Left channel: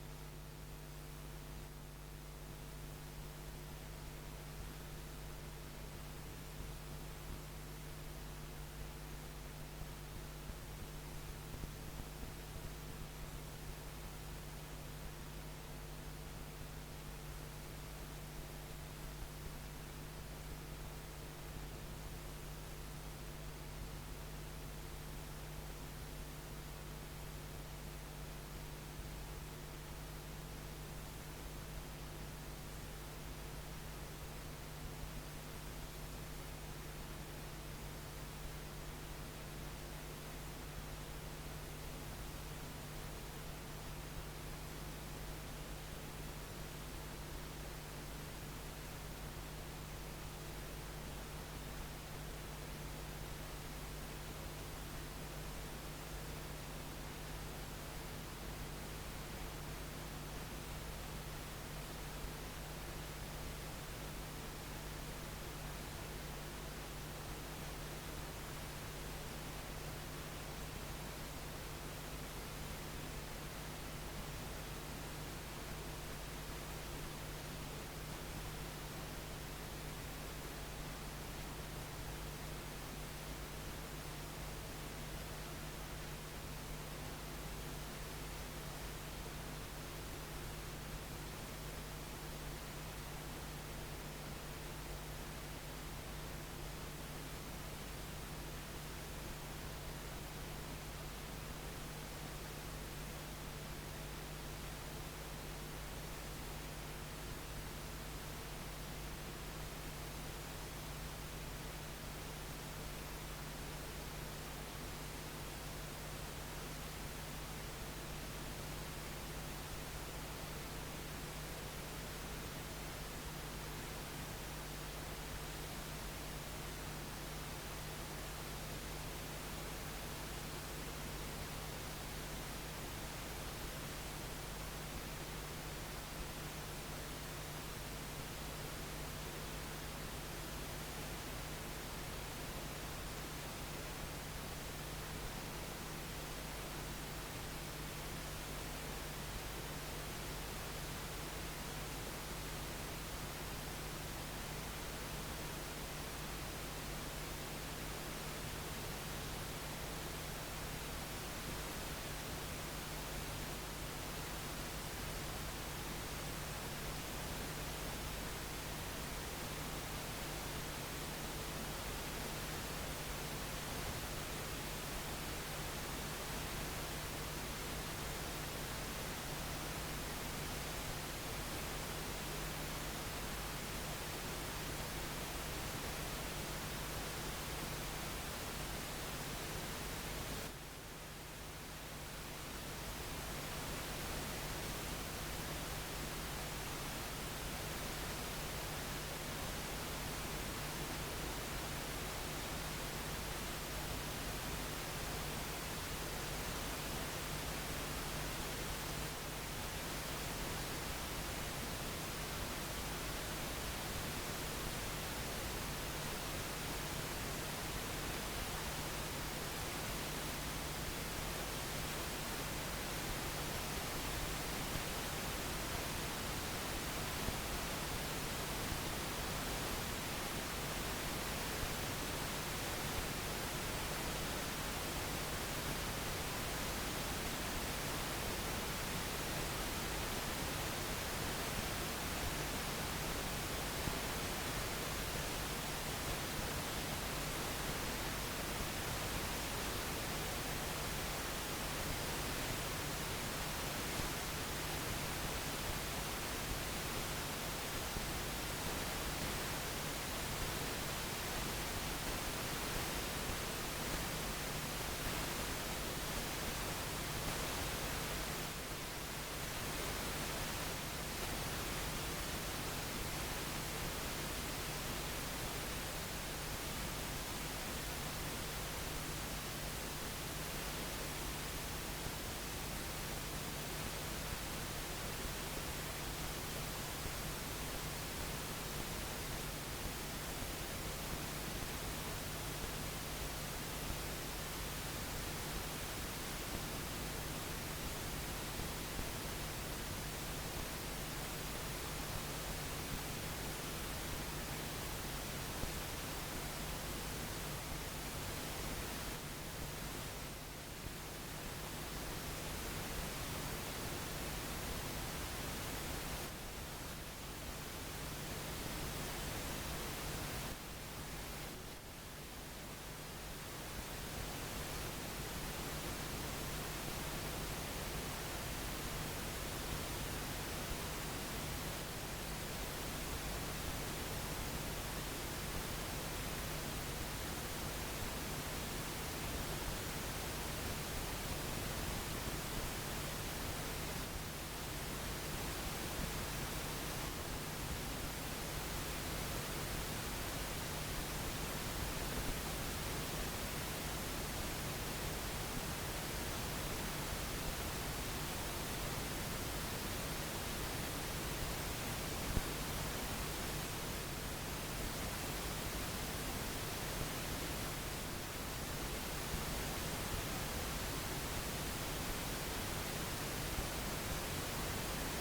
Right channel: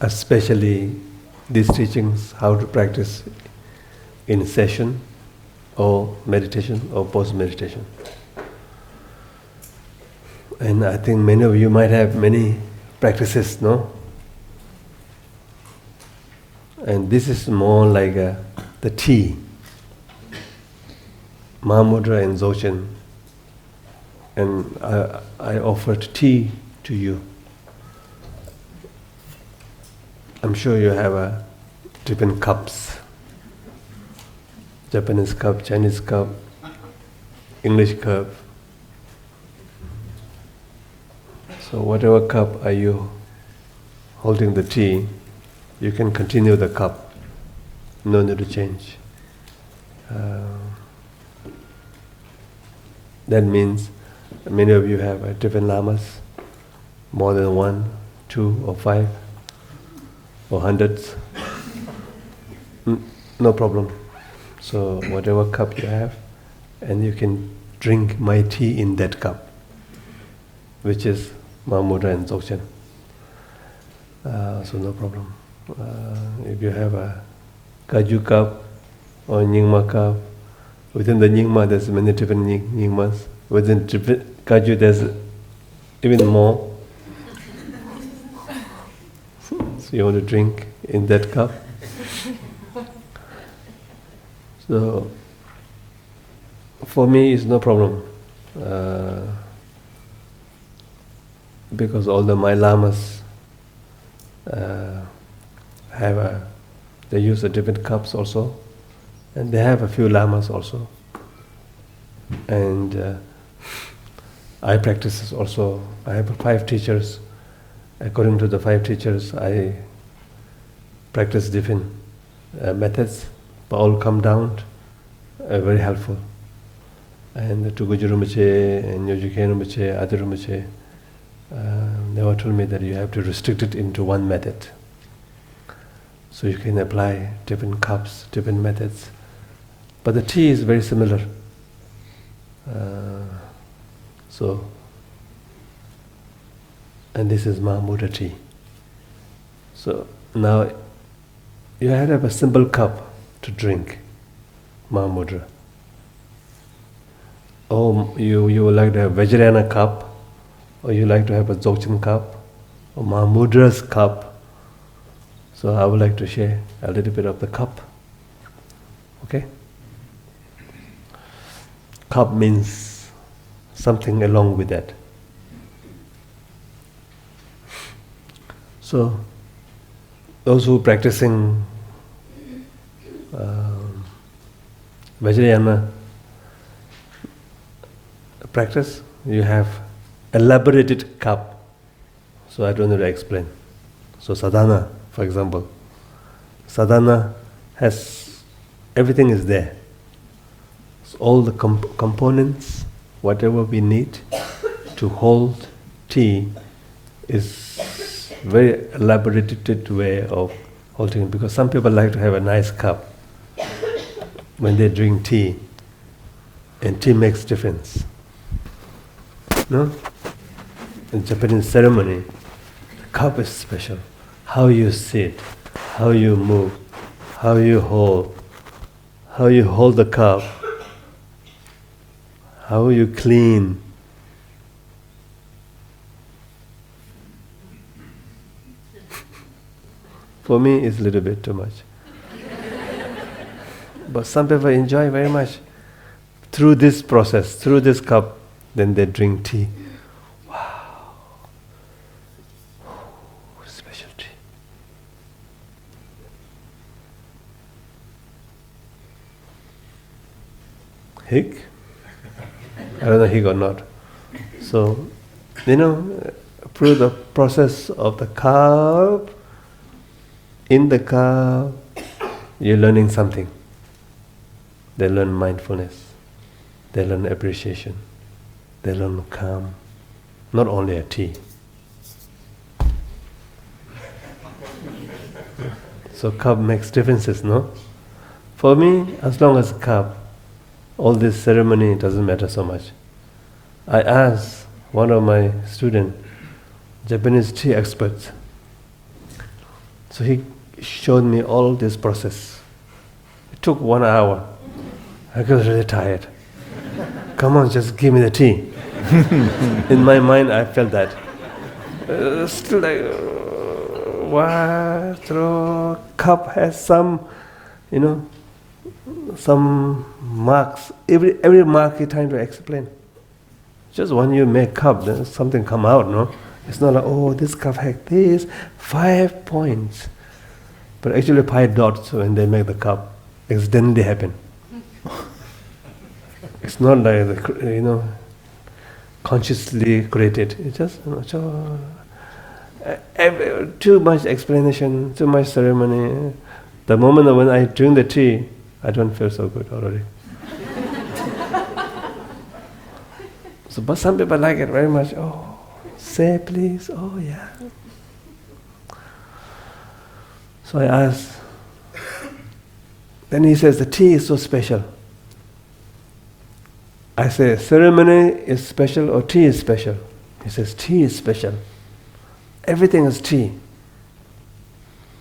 especially these teachings, how to practice in session or meditation or post-meditation. And I think many of you might have many practices, no? And this is more like the tea. Mahamudra and Dzogchen. And I offered tea to you. I'm sure you have different cups. Japanese cup, Chinese cup, English cup. So whatever cup are you holding the tea, you can continue the cup. No need to change. That means many of you have different lamas, more than 1, 2 or 5 or hundreds. No problem. So whatever cup you have, and you can drink my tea in that cup, which is Mahamudra and Dzogchen. So no problem. If you have a Kaju cup or Nyingma cup, within the Nyingma there's many different Nyingmas. Within Kaju there's even more. So you want to drink in that cup. So for me it's no problem. Because all my lamas they use the different cups also, and they have a few lamas also. And I practice also. I have 5 teachers. According to the 5 teachers, I practice different methods, but all come down very helpful. And to Guju Rinpoche and Nyoju Khen Rinpoche, Adi Rinpoche, never told me that you have to restrict it into one method. So you can apply different cups, different methods. But the tea is very similar. And this is Mahamudra tea. So now you have to have a simple cup to drink Mahamudra. Or you would like to have Vajrayana cup, or you like to have a Dzogchen cup, or Mahamudra's cup. So I would like to share a little bit of the cup. Okay? Cup means something along with that. So those who are practicing Vajrayana practice, you have elaborated cup. So I don't need to explain. So sadhana, for example, sadhana has, everything is there. So all the components, whatever we need to hold tea is very elaborated way of holding it, because some people like to have a nice cup when they drink tea, and tea makes difference. No? In Japanese ceremony, cup is special. How you sit, how you move, how you hold the cup, how you clean. For me, it's a little bit too much. But some people enjoy very much. Through this process, through this cup, then they drink tea. Wow. Special tea. Hig? I don't know hig or not. So, through the process of the cup, in the cup, you're learning something. They learn mindfulness. They learn appreciation. They learn calm. Not only a tea. So cup makes differences, no? For me, as long as a cup, all this ceremony doesn't matter so much. I asked one of my students, Japanese tea experts, So he showed me all this process. It took 1 hour. I got really tired. Come on, just give me the tea. In my mind, I felt that. Still like, what? Cup has some, some marks. Every mark you're trying to explain. Just when you make cup, then something come out, no? It's not like, oh, this cup has this, 5 points. But actually 5 dots when they make the cup. Accidentally happen. It's not like, consciously created. It's just, too much explanation, too much ceremony. The moment when I drink the tea, I don't feel so good already. So, but some people like it very much. Oh, say please. Oh, yeah. So I asked. Then he says, the tea is so special. I say, ceremony is special or tea is special? He says, tea is special. Everything is tea.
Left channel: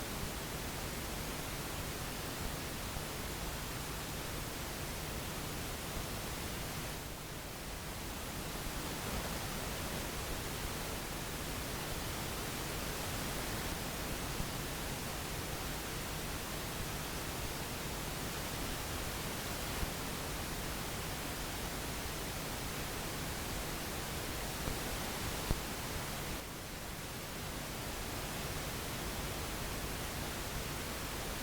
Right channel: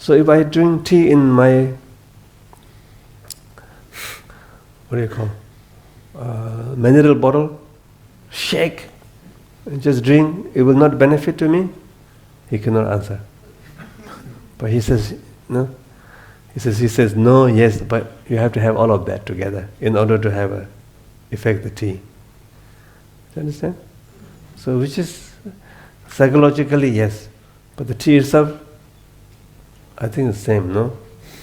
So if I drink tea in my, what do you call, mineral bottle, shake, and just drink, it will not benefit to me? He cannot answer. But he says, no. He says, no, yes, but you have to have all of that together in order to have an effective tea. You understand? So which is, psychologically, yes. But the tea itself, I think it's the same, no?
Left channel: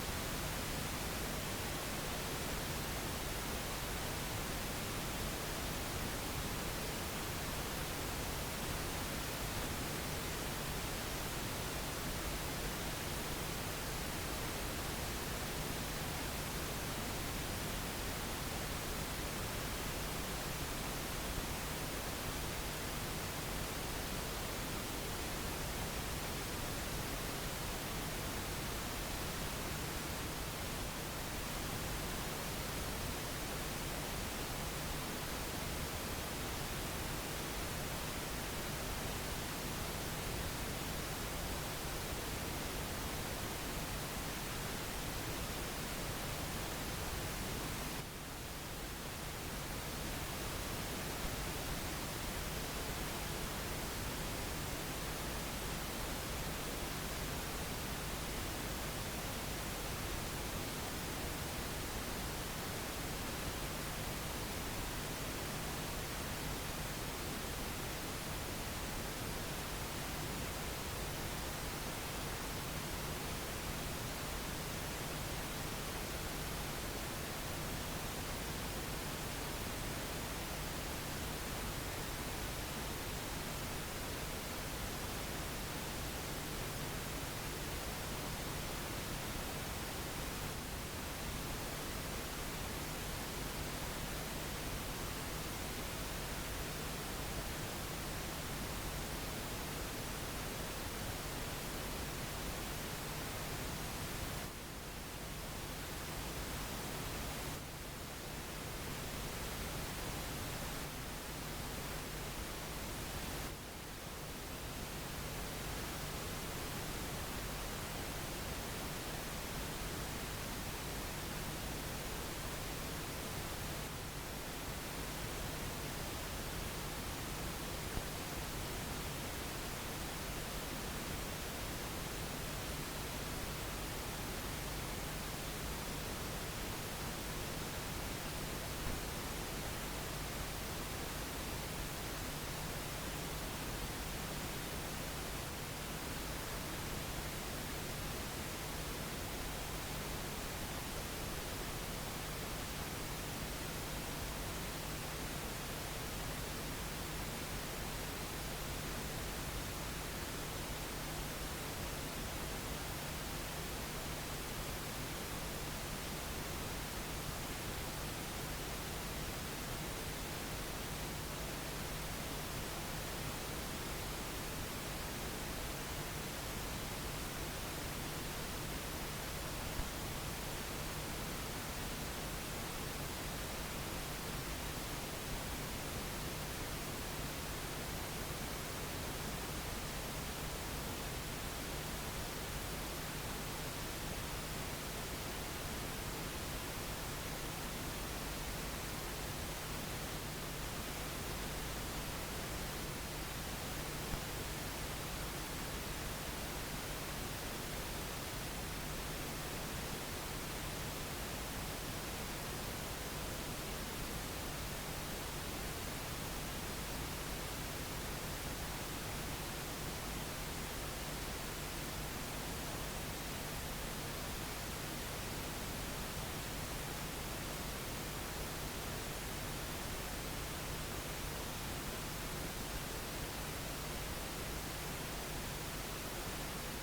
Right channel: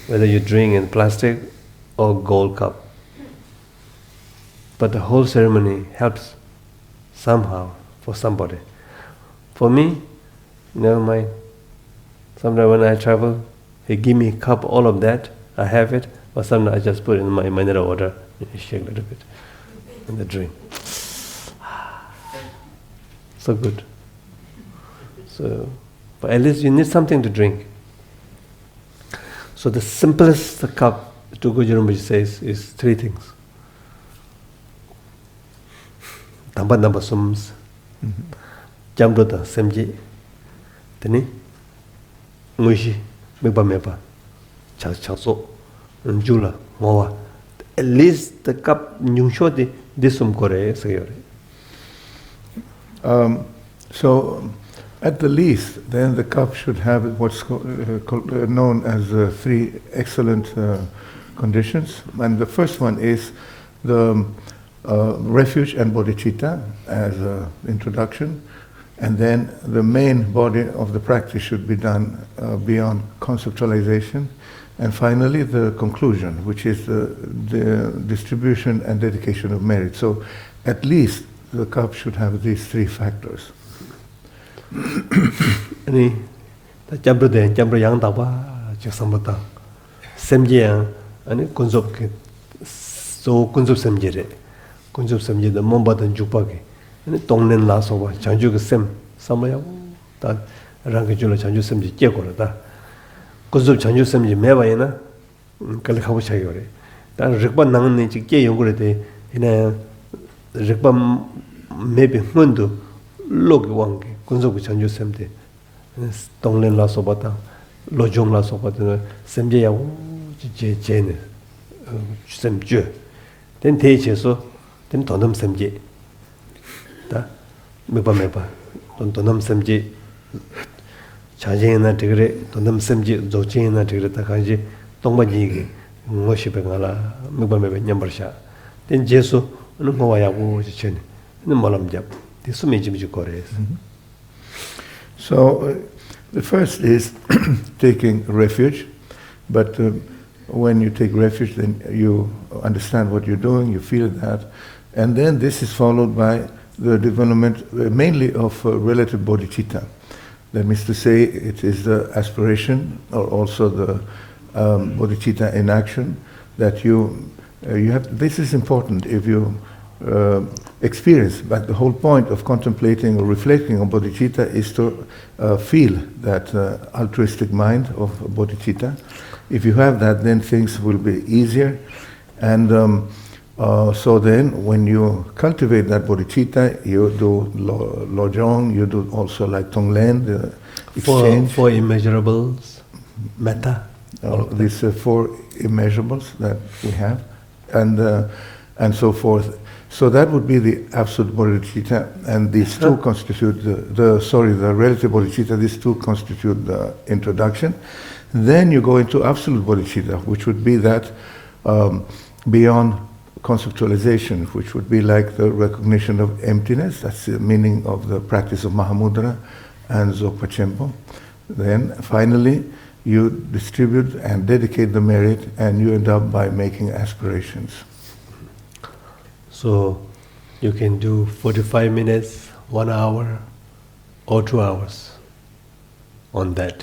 Whether you drink in plastic or gold cup. But the whole ceremony helps somehow for somebody. For me, never mind. Sometimes when I travel, they give me a cup, all of that, I have it, or sometimes I just put it in my mineral water, shake a little bit, and I drink. So good. So, but at least you need something to drink. So the simplest cup, Tsoknyi Rinpoche says, is 3 things. Tamba namba sums, jamdota semji, teni, nguishi, meba meba, chaso, njula, mowa. At least the cup nyungsho di disum kore sayo. So, at the least, then the cup should have what's known as 3 excellent conditions. And the first one is the refuge and bodhicitta as an introduction. And then the main body of the practice should be done beyond conceptualization. And finally, the conclusion, which is the distribution and dedication of merit. So, at least the cup should have these 3 factors. Ani jambro yang dawa samata semje ani kunzop ke so kunzop semje re kunzop semje da momba dan jupa ke ani tongnen la so ba changju ke sem samaya ta rang ke jula changju semje je ko la ta kunzop changju semje me ba yana kal khabu chai yore ta rikpa nang ni chi ke yong ko de ina rikpa me be mundu log wang ke kunzop chanju semje tonglen la sobata lojong la sobata semje ya je ne semje den te che so den tonam semje ta meba tonam semje chaje na tigre tonam semje zoche na tigre ta khaje tongba ji ge ngoshi be ngala meba nyambar sha den je so no mo ya bu che ne no malam jap ti su me ji kore. So, the first is taking refuge, but when you take refuge, then you understand what you're doing, you feel that, and then this is followed by the development mainly of relative bodhicitta. That means to say, it is the aspiration, or also the bodhicitta in action, that you have. This is important if you experience, but the whole point of contemplating or reflecting on bodhicitta is to feel that altruistic mind of bodhicitta. If you have that, then things will be easier. And so then, when you cultivate that bodhicitta, you do lojong, you do also like tonglen, the exchange. For immeasurables. metta. These four immeasurables that we have, and so forth. So that would be the absolute bodhicitta, and these two constitute the relative bodhicitta. These two constitute the introduction. Then you go into absolute bodhicitta, which would be that beyond conceptualization, which would be like the recognition of emptiness. That's the meaning of the practice of Mahamudra and Dzogpa Chenpo. Then finally, you distribute and dedicate the merit, and you end up by making aspirations. So you can do 45 minutes, 1 hour, or 2 hours on that.